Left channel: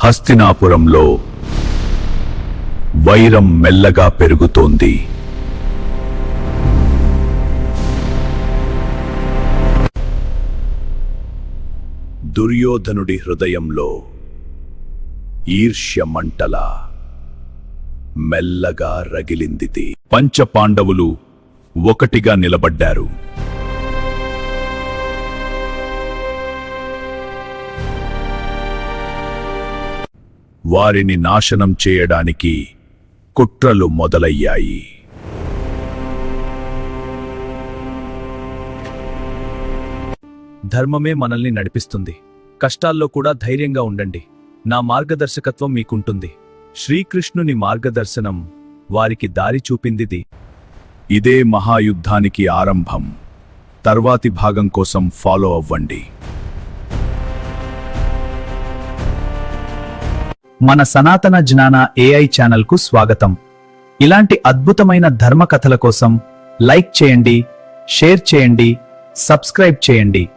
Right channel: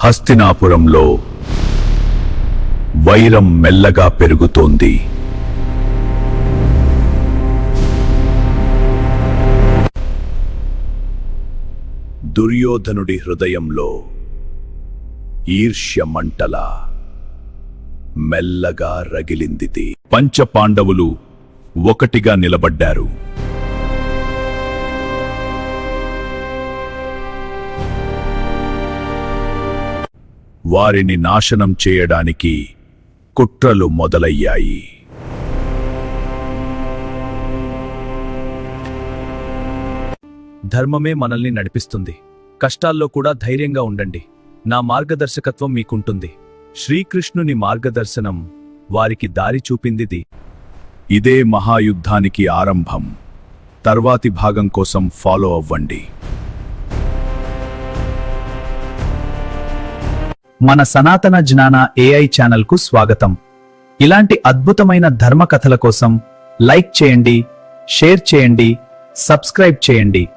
హస్తినాపురంలో వైరం మెల్లగా పెరుగుతోంది. దుర్యోధనుడి హృదయంలో ఈర్ష్య మంటలా మెల్లగా రగిలింది. పంచపాండవులు ఒకటిగా నిలబడ్డారు. వారిని నాశనం చేయడానికి కుట్రలు మొదలయ్యాయి. ధర్మమే మనల్ని నడిపిస్తుంది. కష్టాల్లో కూడా ధైర్యంగా ఉండండి. నా మార్గదర్శకత్వం మీకుంటుంది. శ్రీకృష్ణుని మార్గదర్శనం వారికి దారి చూపిందిది. ఇదే మహాయుద్ధానికి ఆరంభం. తర్వాతి భాగం కోసం ఫాలో అవ్వండి. మన సనాతన జ్ఞాన AI ఛానల్కు స్వాగతం. ఇలాంటి అద్భుతమైన ధర్మ కథల కోసం లైక్ చేయండి, షేర్ చేయండి, సబ్స్క్రైబ్ చేయండి.